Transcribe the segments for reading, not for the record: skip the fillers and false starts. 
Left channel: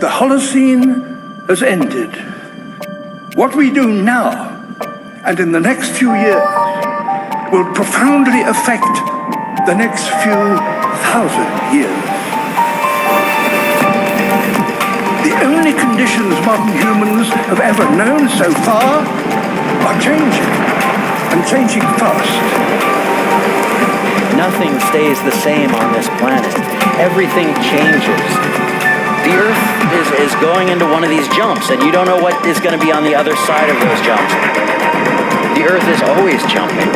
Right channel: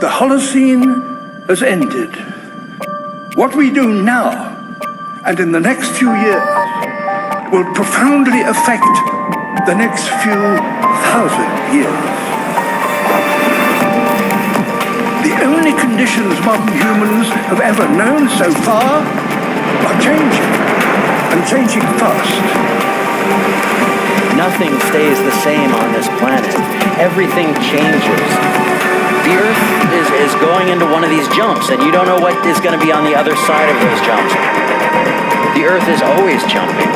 The Holocene has ended. What we do now, and in the next few years, will profoundly affect the next few thousand years. The only conditions modern humans have ever known so far are changing, and changing fast. Nothing stays the same on this planet. Everything changes. The Earth is going into one of these jumps, and you don't know what is going to be on the other side of those jumps. The Earth is always jumping.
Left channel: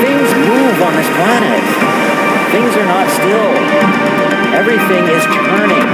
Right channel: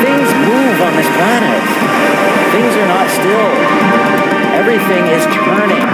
Things move on this planet. Things are not still. Everything is turning.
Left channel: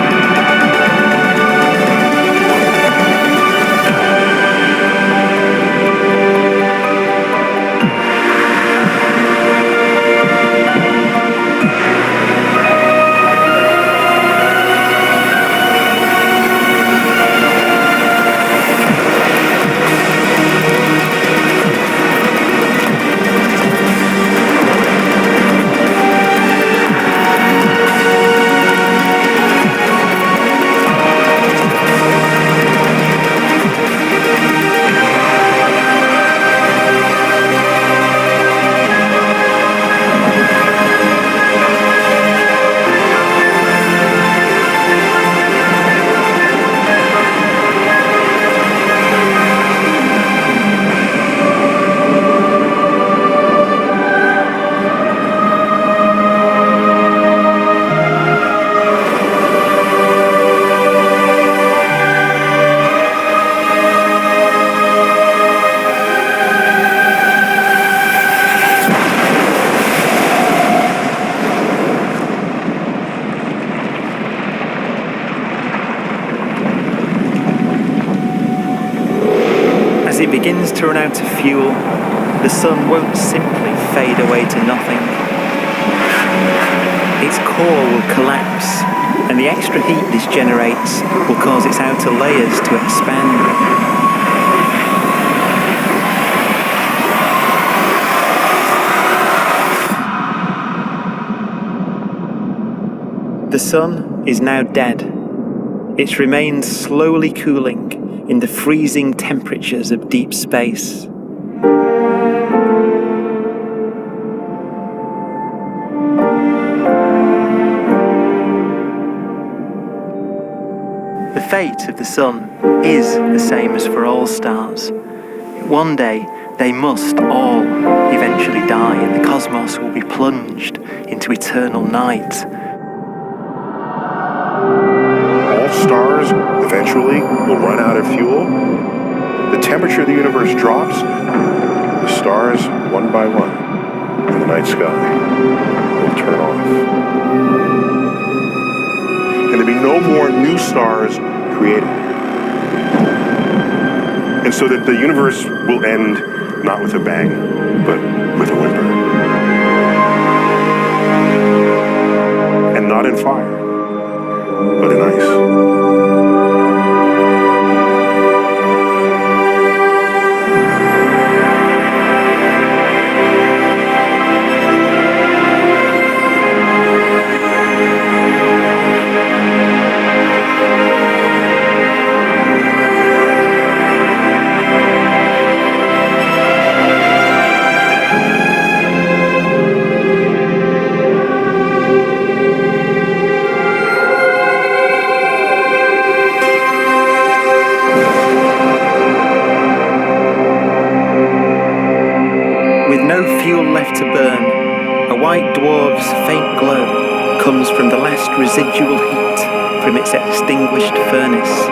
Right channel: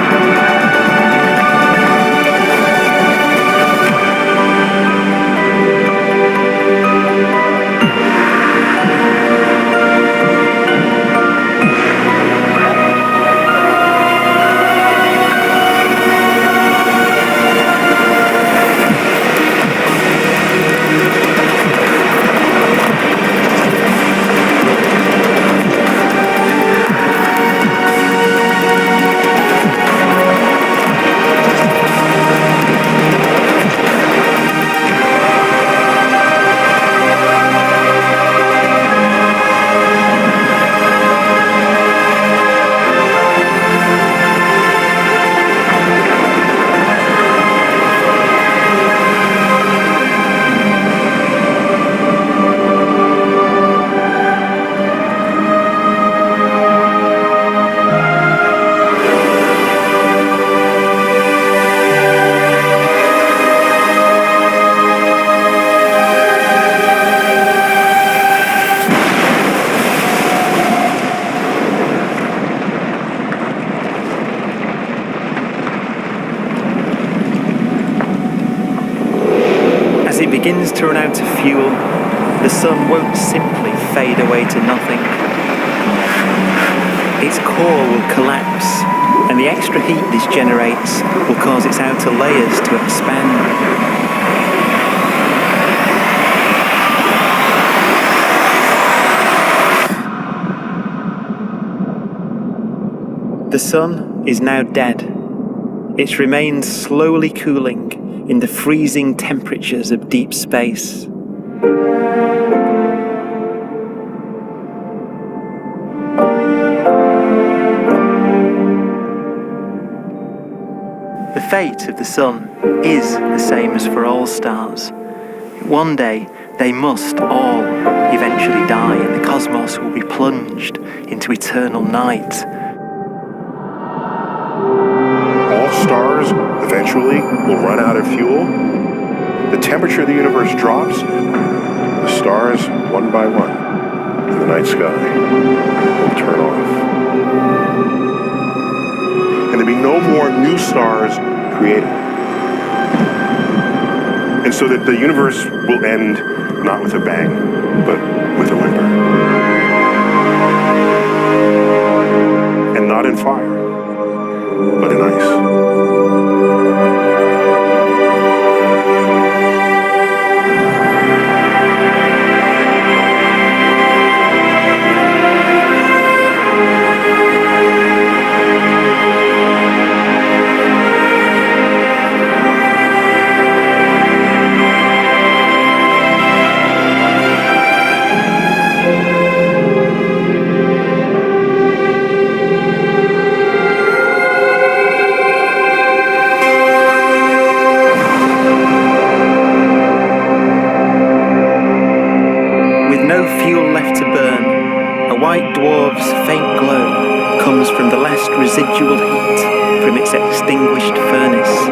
As it begins to run out of fuel, the sun won't simply fade away to nothing. Its core will collapse, and the extra heat this generates will cause its outer layers to expand. The sun is now dead. Its remains slowly cooling in the freezing temperatures of deep space. The fate of the sun is the same as for all stars. One day, they must all eventually die, and the cosmos will be plunged into eternal night. All stars eventually will run out of fuel. The temperature of the universe drops. The stars, one by one, in the night sky, will turn off. And there'll be no more new stars created. And so that the universe will end not with a bang, but with a whimper. And not in fire, but in ice. With no fuel left to burn, a white dwarf's faint glow comes from the last residual heat from its extinguished furnace.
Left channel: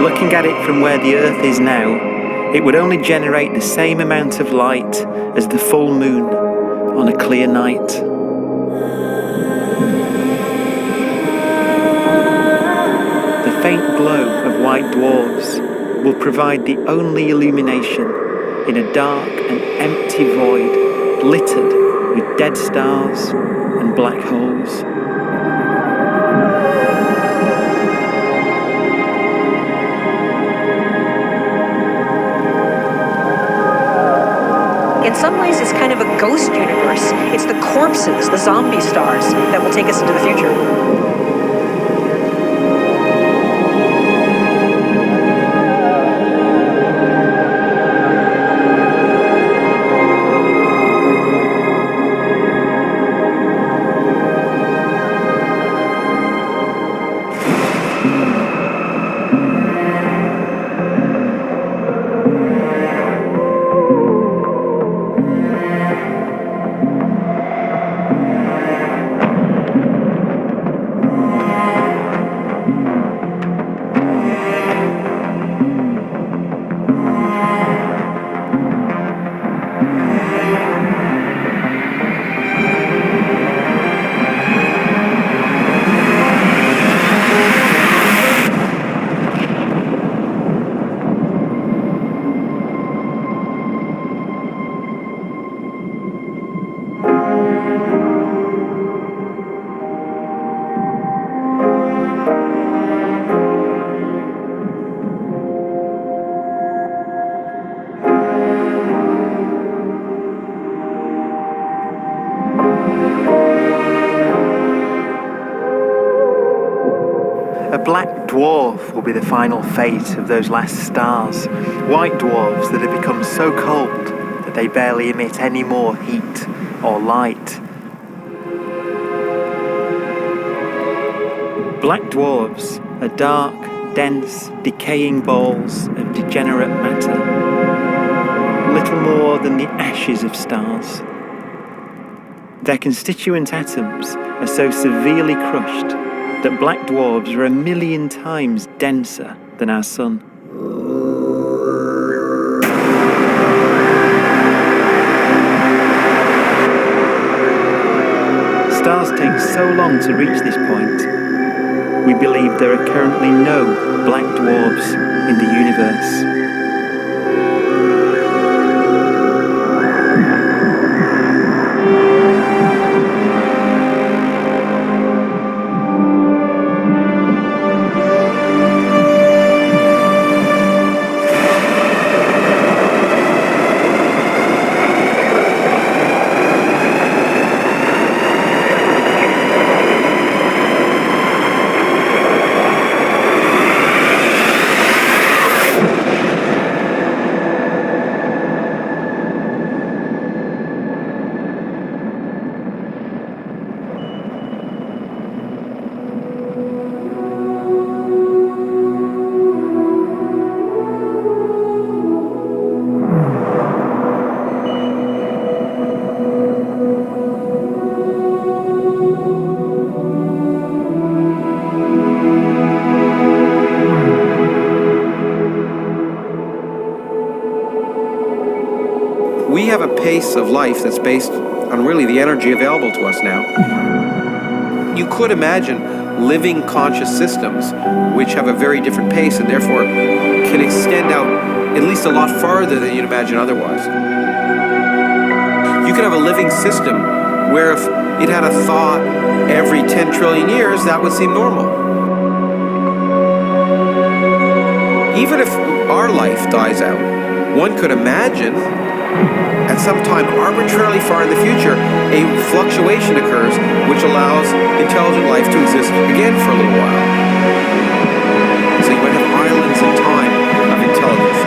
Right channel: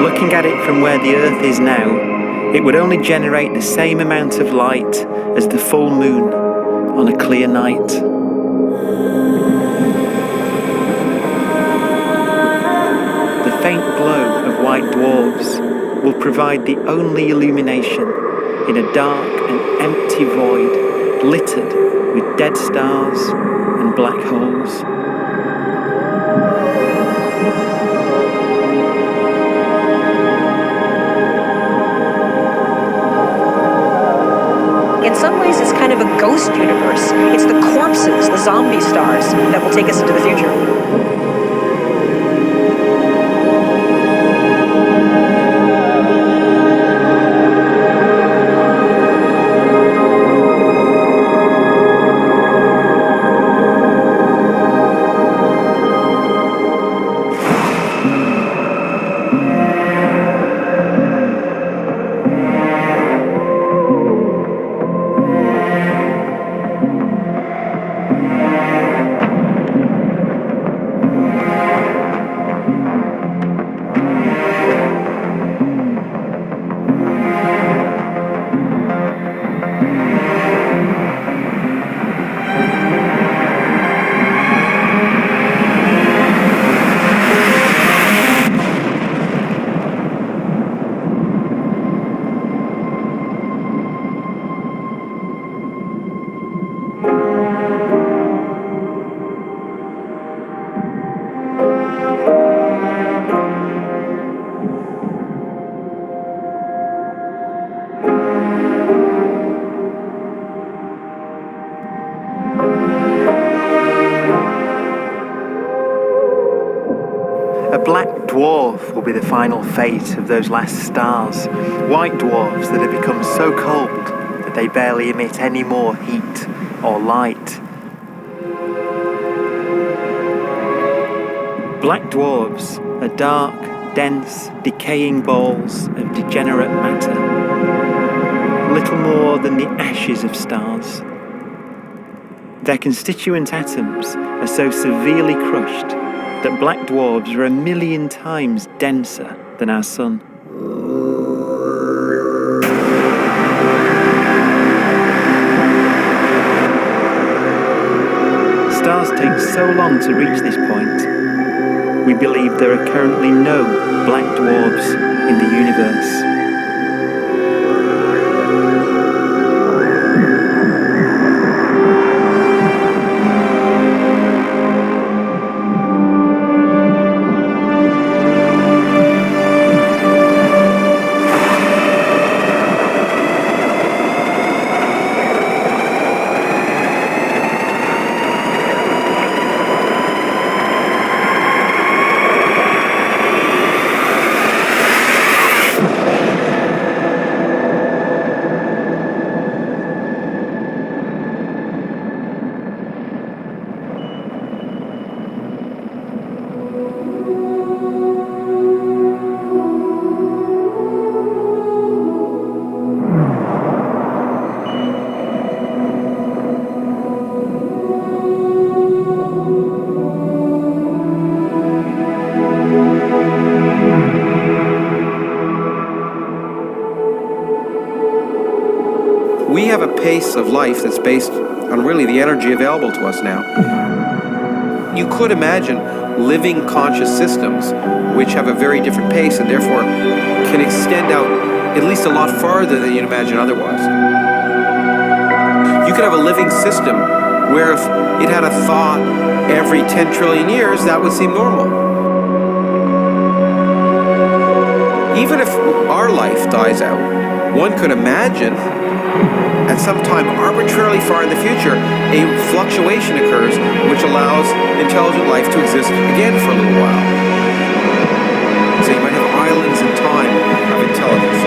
Looking at it from where the Earth is now, it would only generate the same amount of light as the full moon on a clear night. The faint glow of white dwarfs will provide the only illumination in a dark and empty void littered with dead stars and black holes. In some ways, it's kind of a ghost universe. It's the corpses, the zombie stars, that will take us into the future. A black dwarf will be the final fate of those last stars. White dwarfs that have become so cold that they barely emit any more heat or light. Black dwarfs are dark, dense, decaying balls of degenerate matter, little more than the ashes of stars. Their constituent atoms are so severely crushed that black dwarfs are 1,000,000 times denser than our sun. Stars take so long to reach this point. We believe there are currently no black dwarfs in the universe. We have a pace of life that's based on really the energy available to us now. You could imagine living conscious systems which have a very different pace and therefore can extend out at least a lot farther than you'd imagine otherwise. You could have a living system where if it had a thought every 10 trillion years, that would seem normal. Even if our life dies out, one could imagine at some time arbitrarily far in the future, a fluctuation occurs which allows intelligent life to exist again for a little while. So you might have islands in time of intelligence.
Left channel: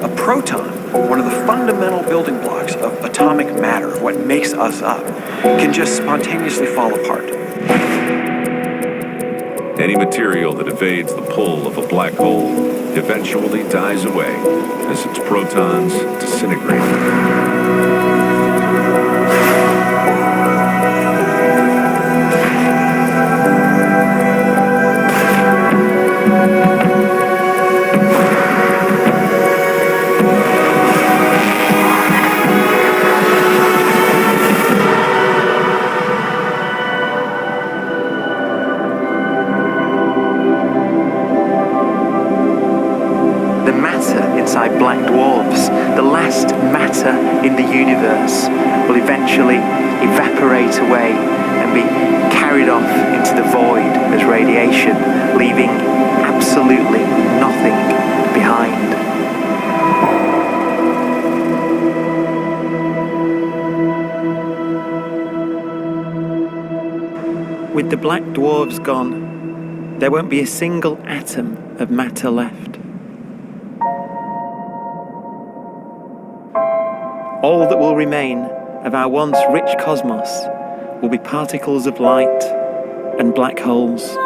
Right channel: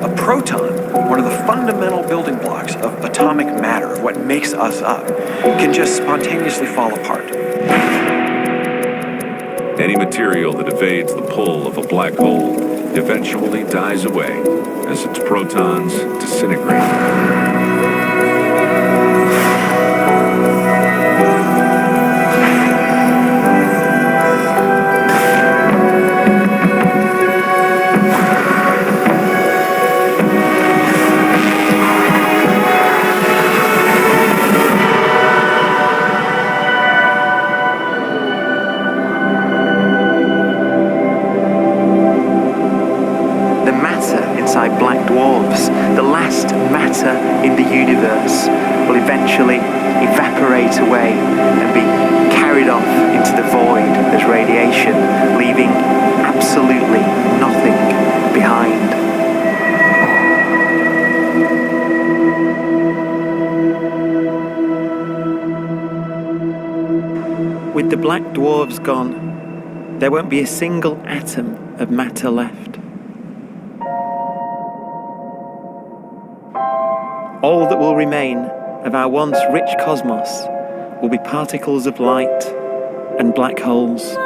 A proton, one of the fundamental building blocks of atomic matter, of what makes us up, can just spontaneously fall apart. Any material that evades the pull of a black hole eventually dies away as its protons disintegrate. The matter inside black dwarfs, the last matter in the universe, will eventually evaporate away and be carried off into the void as radiation, leaving absolutely nothing behind. With the black dwarfs gone, there won't be a single atom of matter left. All that will remain of our once rich cosmos will be particles of light and black holes.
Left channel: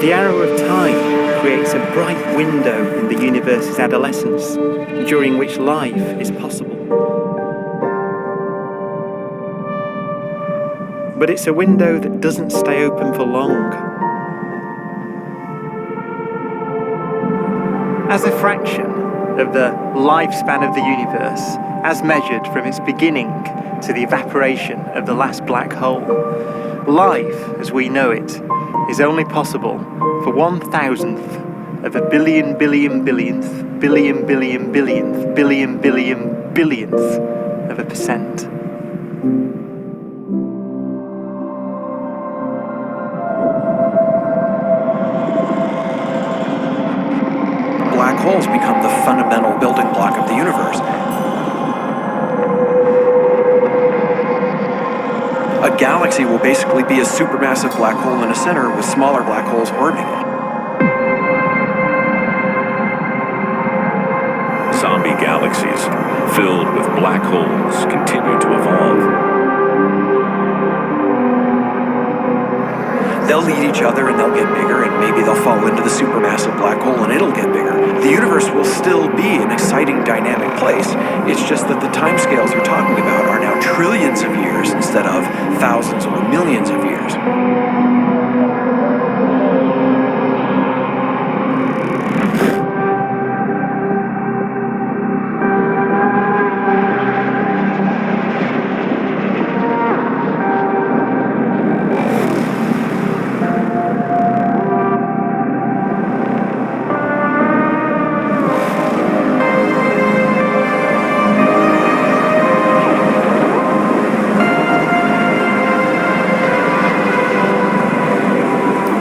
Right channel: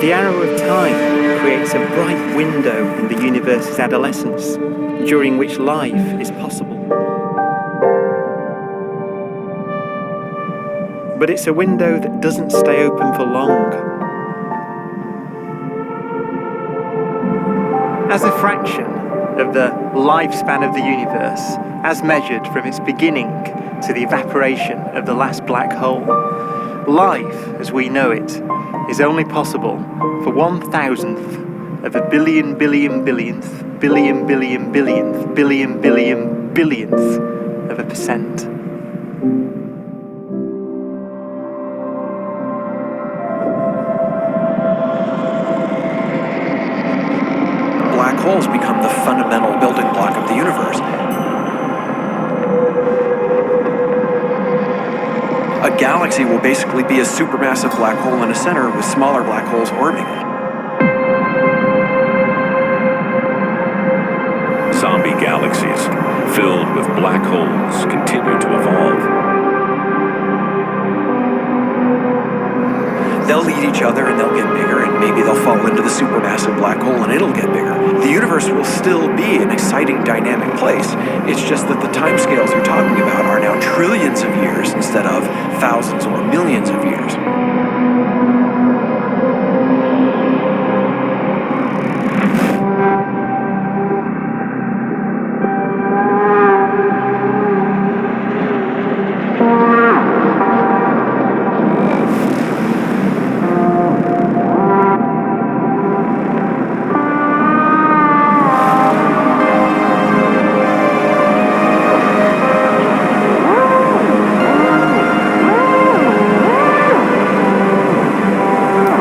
The arrow of time creates a bright window in the universe's adolescence, during which life is possible. But it's a window that doesn't stay open for long. As a fraction of the lifespan of the universe, as measured from its beginning to the evaporation of the last black hole, life, as we know it, is only possible for 1,000th of a billion billionth billionth of a percent. Black holes become the fundamental building block of the universe. A galaxy will basically be a supermassive black hole in a center with smaller black holes orbiting it. Zombie galaxies filled with black holes continue to evolve. They'll eat each other and they'll get bigger, and maybe they'll fall into the supermassive black hole and it'll get bigger. The universe will still be an exciting, dynamic place. It's just that the timescales you're talking about are now trillions of years instead of thousands or millions of years.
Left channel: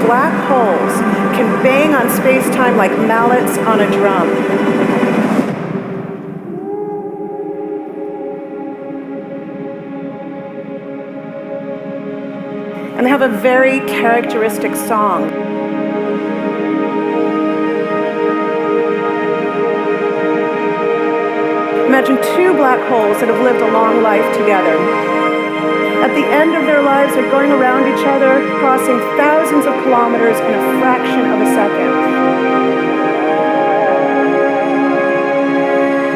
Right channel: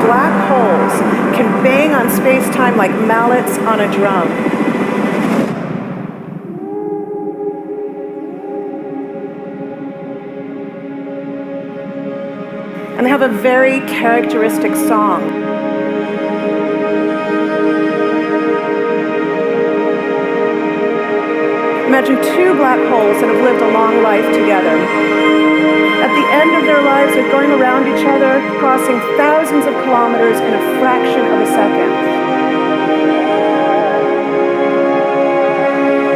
Black holes can bang on space-time like mallets on a drum. And they have a very characteristic song. Imagine two black holes that have lived a long life together. At the end of their lives, they're going around each other, crossing thousands of kilometers in a fraction of a second.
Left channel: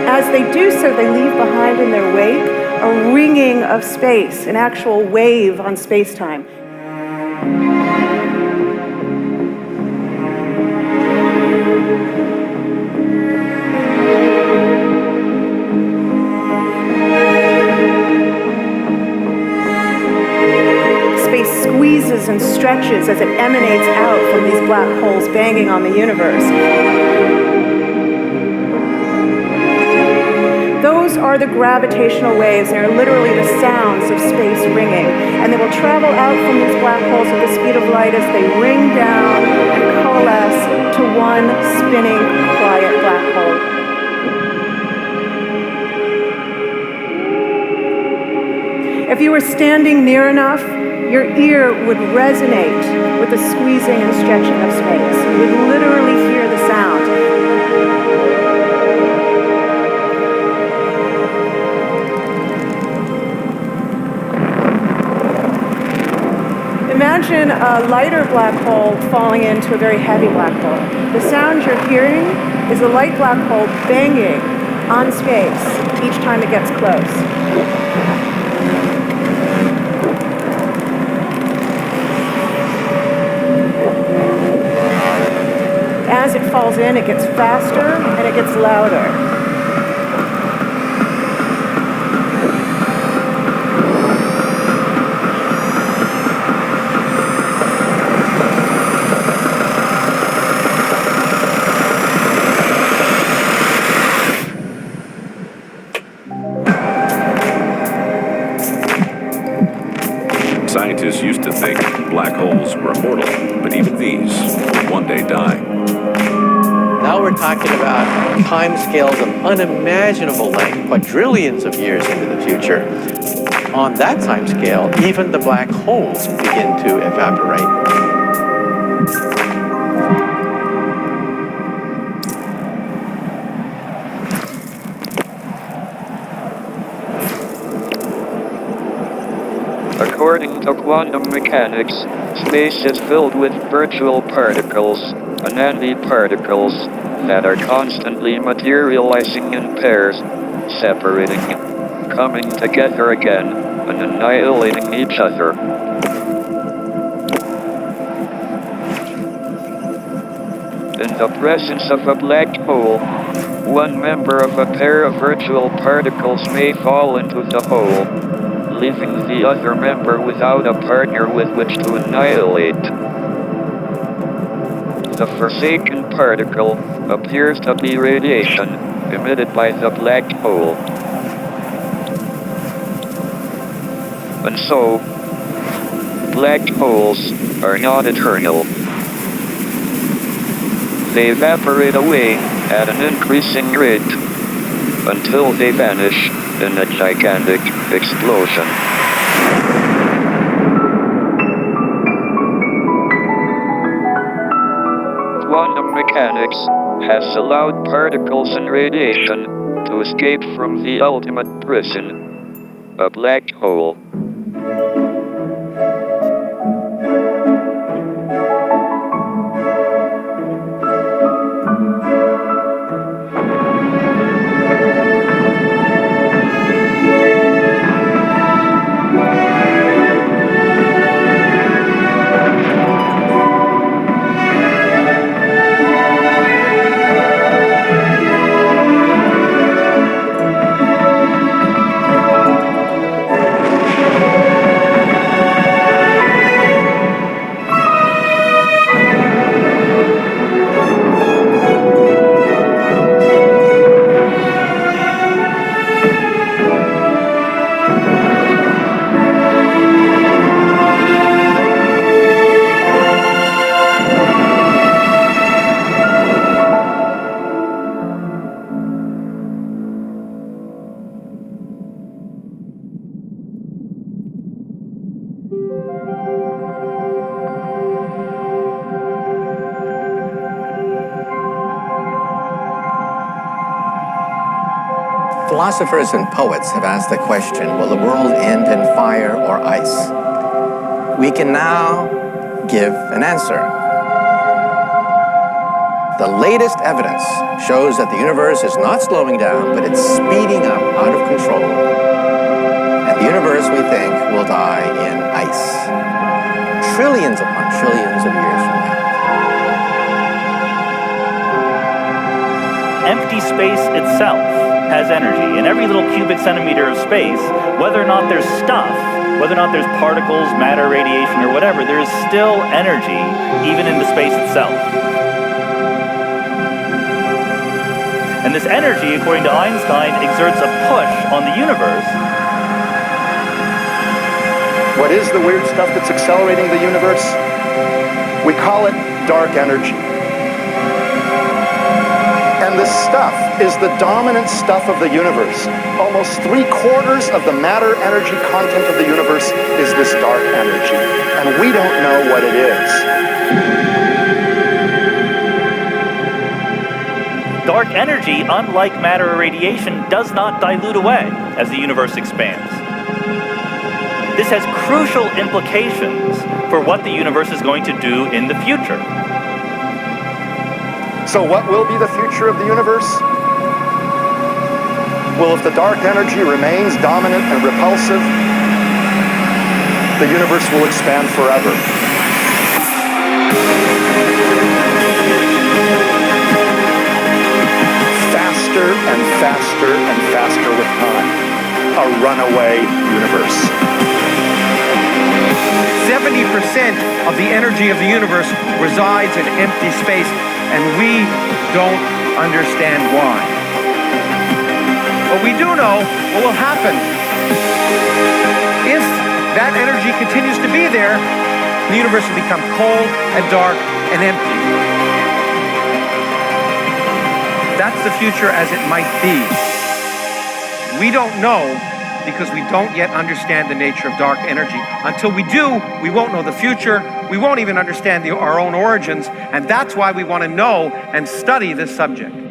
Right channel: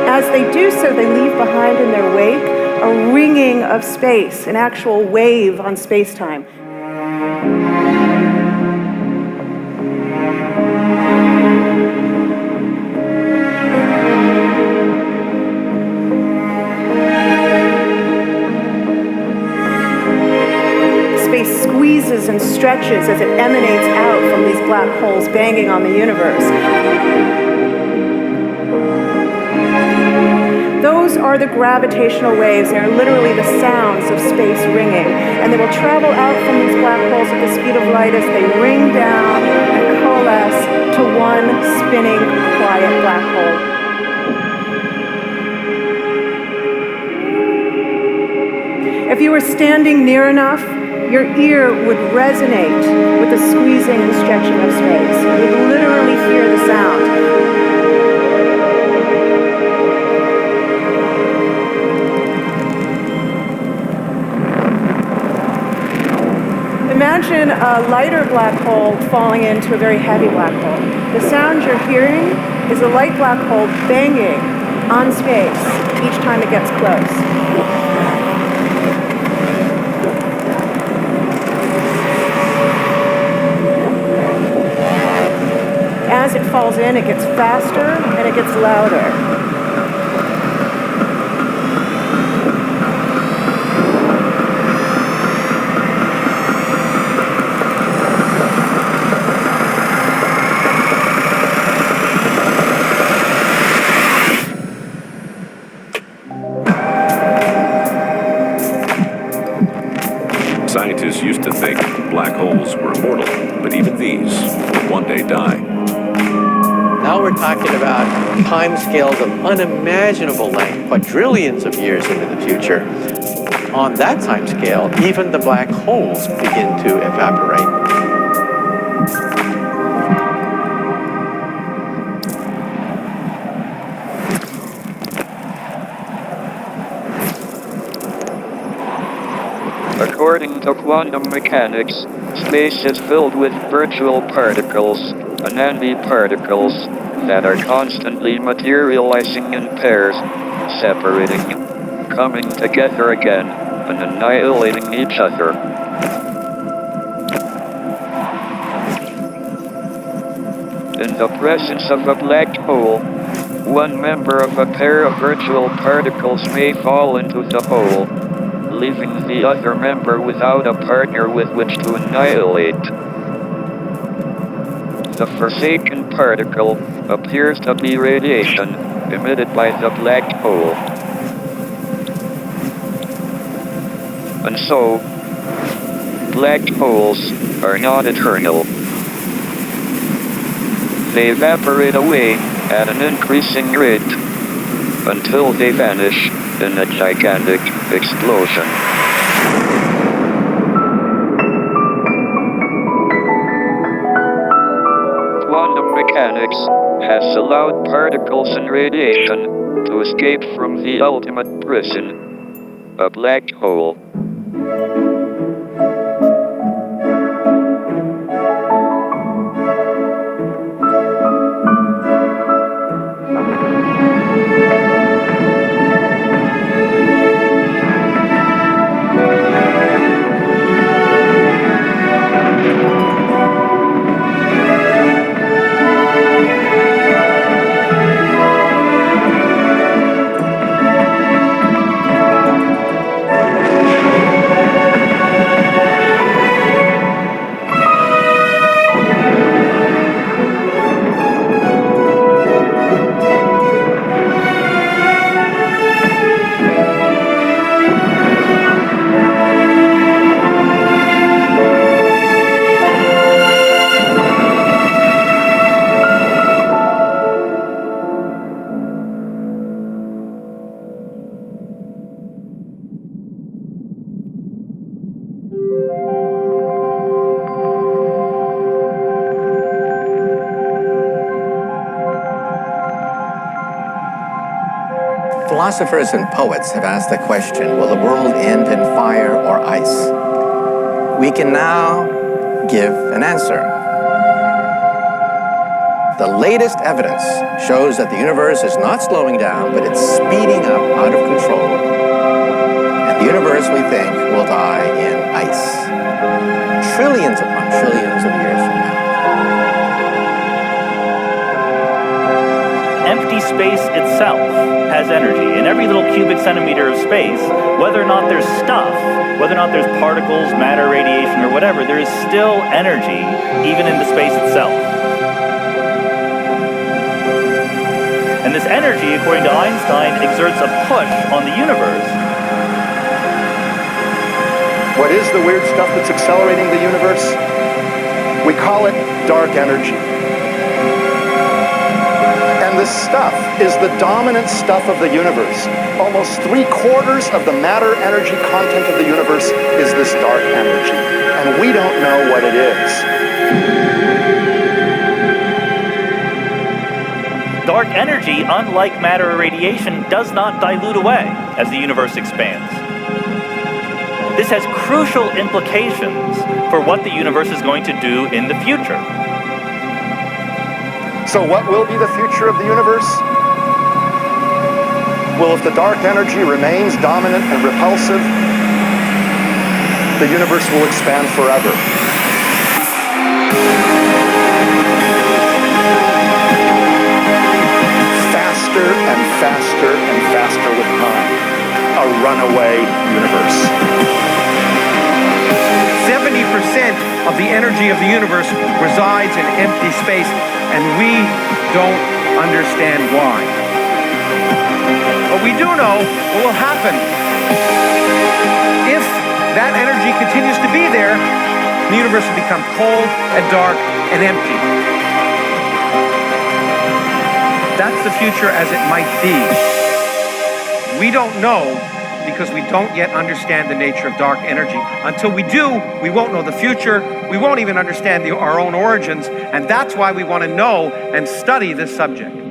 As they do so, they leave behind in their wake a ringing of space, an actual wave on space-time. squeezes and stretches as it emanates out from these black holes banging on the universe. Those are the gravitational waves. They are literally the sounds of space ringing. And they will travel out from these black holes at the speed of light as they ring down and coalesce to one spinning, quiet black hole. If you were standing near enough, your ear would resonate with the squeezing and stretching of space. You would literally hear the sound. Imagine a lighter black hole falling into a very heavy black hole. The sound you're hearing is a light black hole banging on space each time it gets close. As it falls in, it gets faster and it gets louder. Scientists used to think black holes were immortal, but even these will one day die. Now we're talking about timescales of unimaginable length, quadrillions of years into the future. On that timescale, even the black holes begin to evaporate. According to quantum mechanics, space is filled with virtual particles and antiparticles that are constantly materializing in pairs, separating, coming together again, and annihilating each other. In the presence of a black hole, one member of a pair of virtual particles may fall into the hole, leaving the other member without a partner with which to annihilate. The forsaken particle appears to be radiation emitted by the black hole. And so, black holes are not eternal. They evaporate away at an increasing rate until they vanish in a gigantic explosion. Quantum mechanics has allowed particles and radiation to escape from the ultimate prison, a black hole. Philosophers and poets have asked the question, will the world end in fire or ice? We can now give an answer. The latest evidence shows that the universe is not slowing down, but it's speeding up out of control. And the universe, we think, will die in ice. Trillions upon trillions of years from now. Empty space itself has energy. In every little cubic centimeter of space, whether or not there's stuff whether or not there's particles, matter, radiation, or whatever, there is still energy, even in the space itself. And this energy, according to Einstein, exerts a push on the universe. What is the weird stuff that's accelerating the universe? We call it dark energy. And this stuff is the dominant stuff of the universe. Almost 3/4 of the matter-energy content of the universe is this dark energy. And we don't know what it is. Dark energy, unlike matter or radiation, does not dilute away as the universe expands. This has crucial implications for what the universe is going to do in the future. So what will be the future of the universe? Well, if the dark energy remains dominant and repulsive, the universe will expand forever. Faster and faster and faster with time. A runaway universe. 70% of the energy of the universe resides in empty space, and we don't understand why. But we do know what will happen if that energy continues to be there. The universe will become cold and dark and empty. That's the future as it might be. We don't know because we don't yet understand the nature of dark energy. Until we do, we won't know the future. We won't even understand our own origins. And that's why we want to know and study this subject.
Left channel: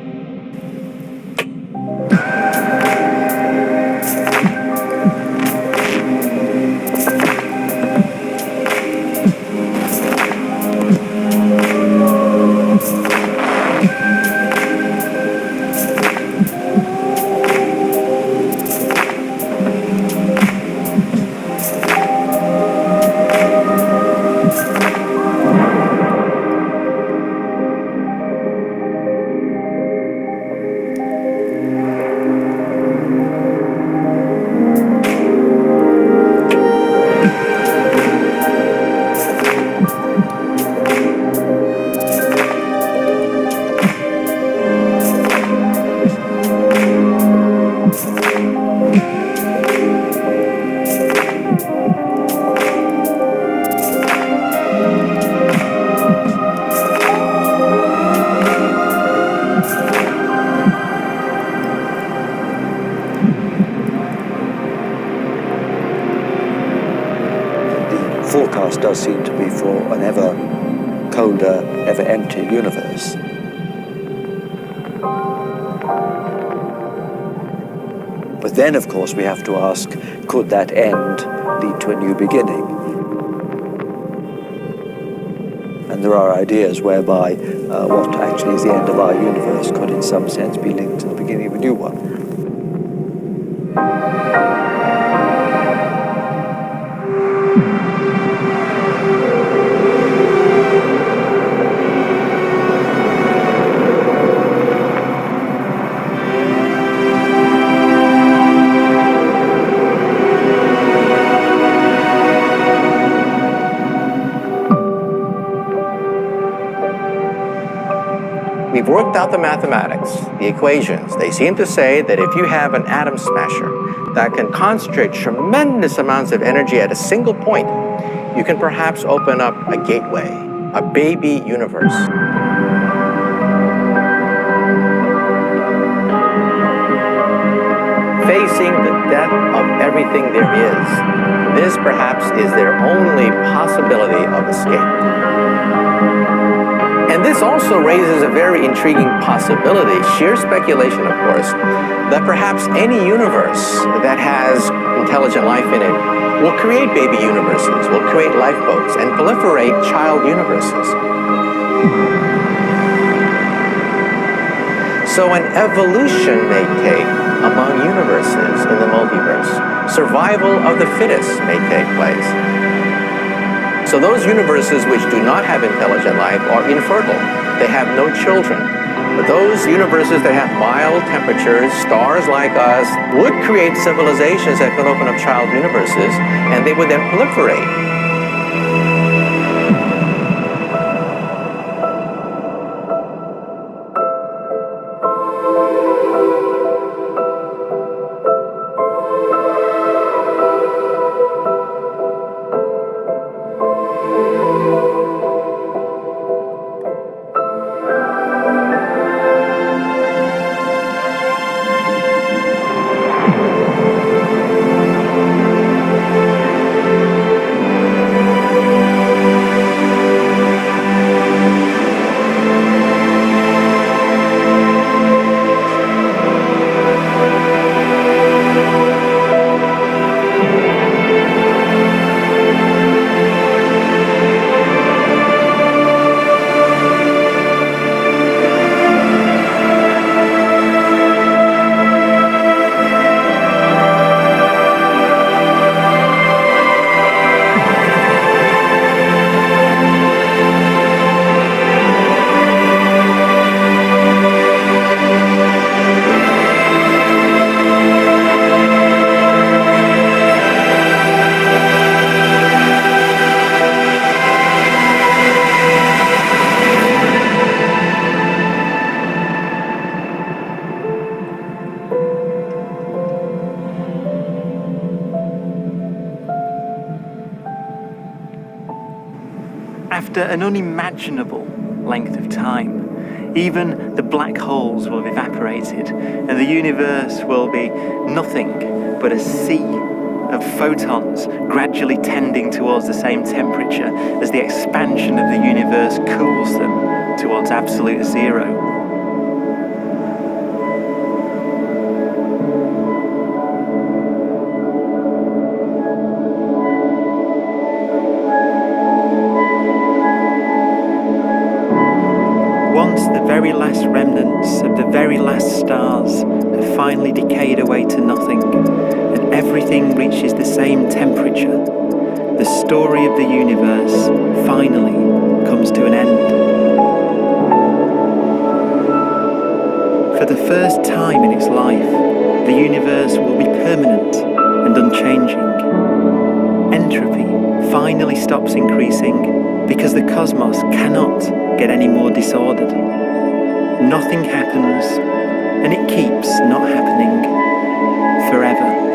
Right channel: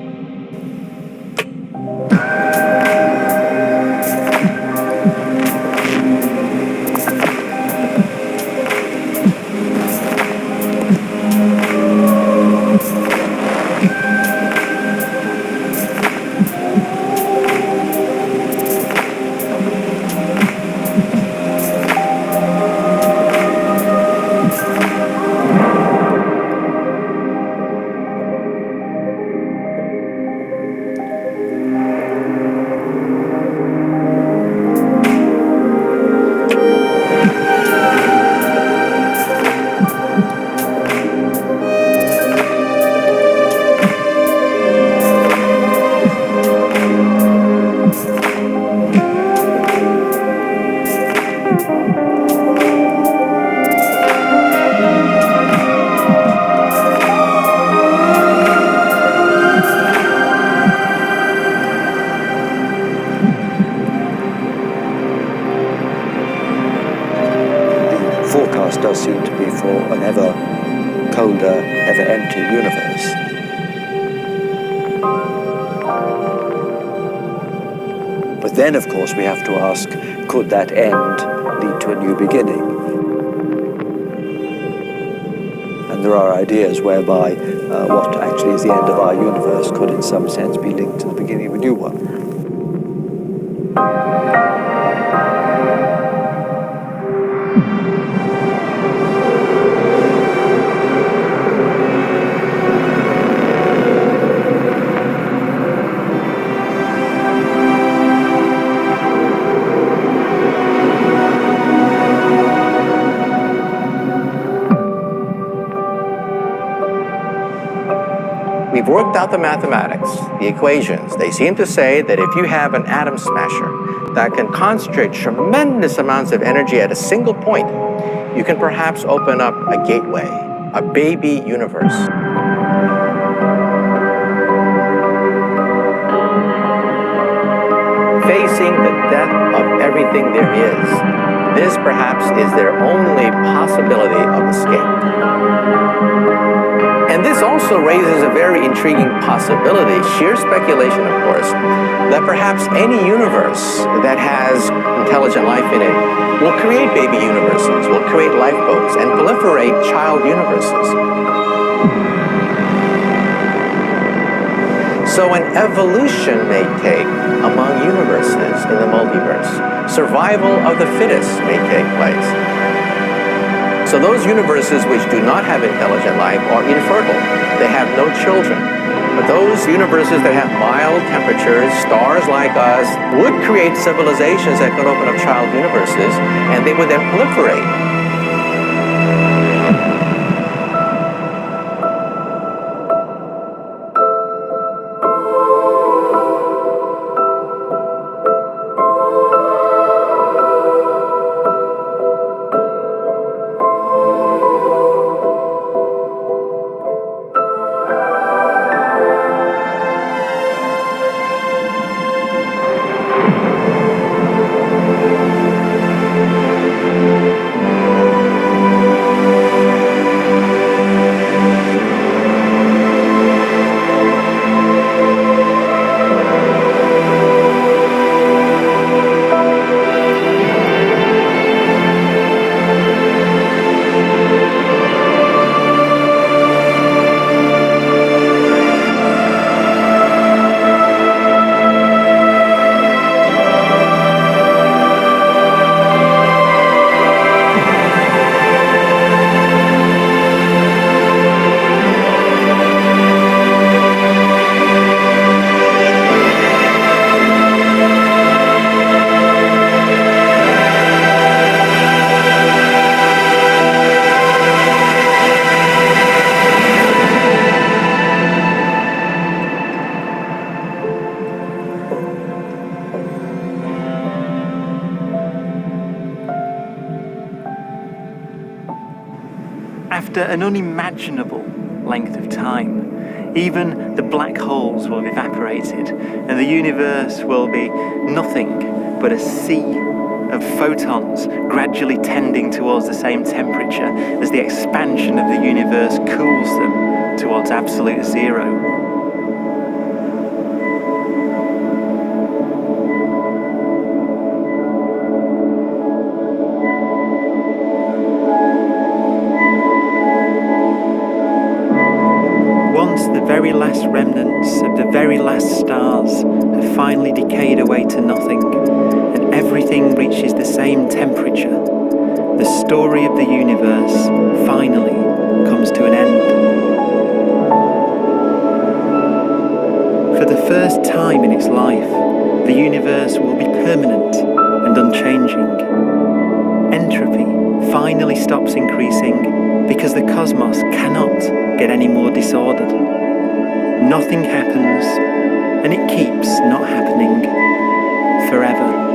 Forecast does seem to be for an ever colder, ever emptier universe. But then, of course, we have to ask, could that end lead to a new beginning? And there are ideas whereby what actually is the end of our universe could in some sense be linked to the beginning of a new one. We've worked out the mathematics, the equations. They seem to say that if you have an atom smasher that can concentrate tremendous amounts of energy at a single point, you can perhaps open up a gateway, a baby universe. Facing the death of everything there is, this perhaps is their only possibility of escape. And this also raises a very intriguing possibility, sheer speculation, of course, that perhaps any universe that has intelligent life in it will create baby universes, will create lifeboats, and proliferate child universes. So an evolution may take among universes in the multiverse. Survival of the fittest may take place. So those universes which do not have intelligent life are infertile. They have no children. But those universes that have mild temperatures, stars like us, would create civilizations that could open up child universes, and they would then proliferate. After an unimaginable length of time, even the black holes will have evaporated, and the universe will be nothing but a sea of photons gradually tending towards the same temperature as the expansion of the universe cools them towards absolute zero. Once the very last remnants of the very last stars have finally decayed away to nothing, and everything reaches the same temperature, the story of the universe finally comes to an end. For the first time in its life, the universe will be permanent and unchanging. Entropy finally stops increasing because the cosmos cannot get any more disordered. Nothing happens, and it keeps not happening forever.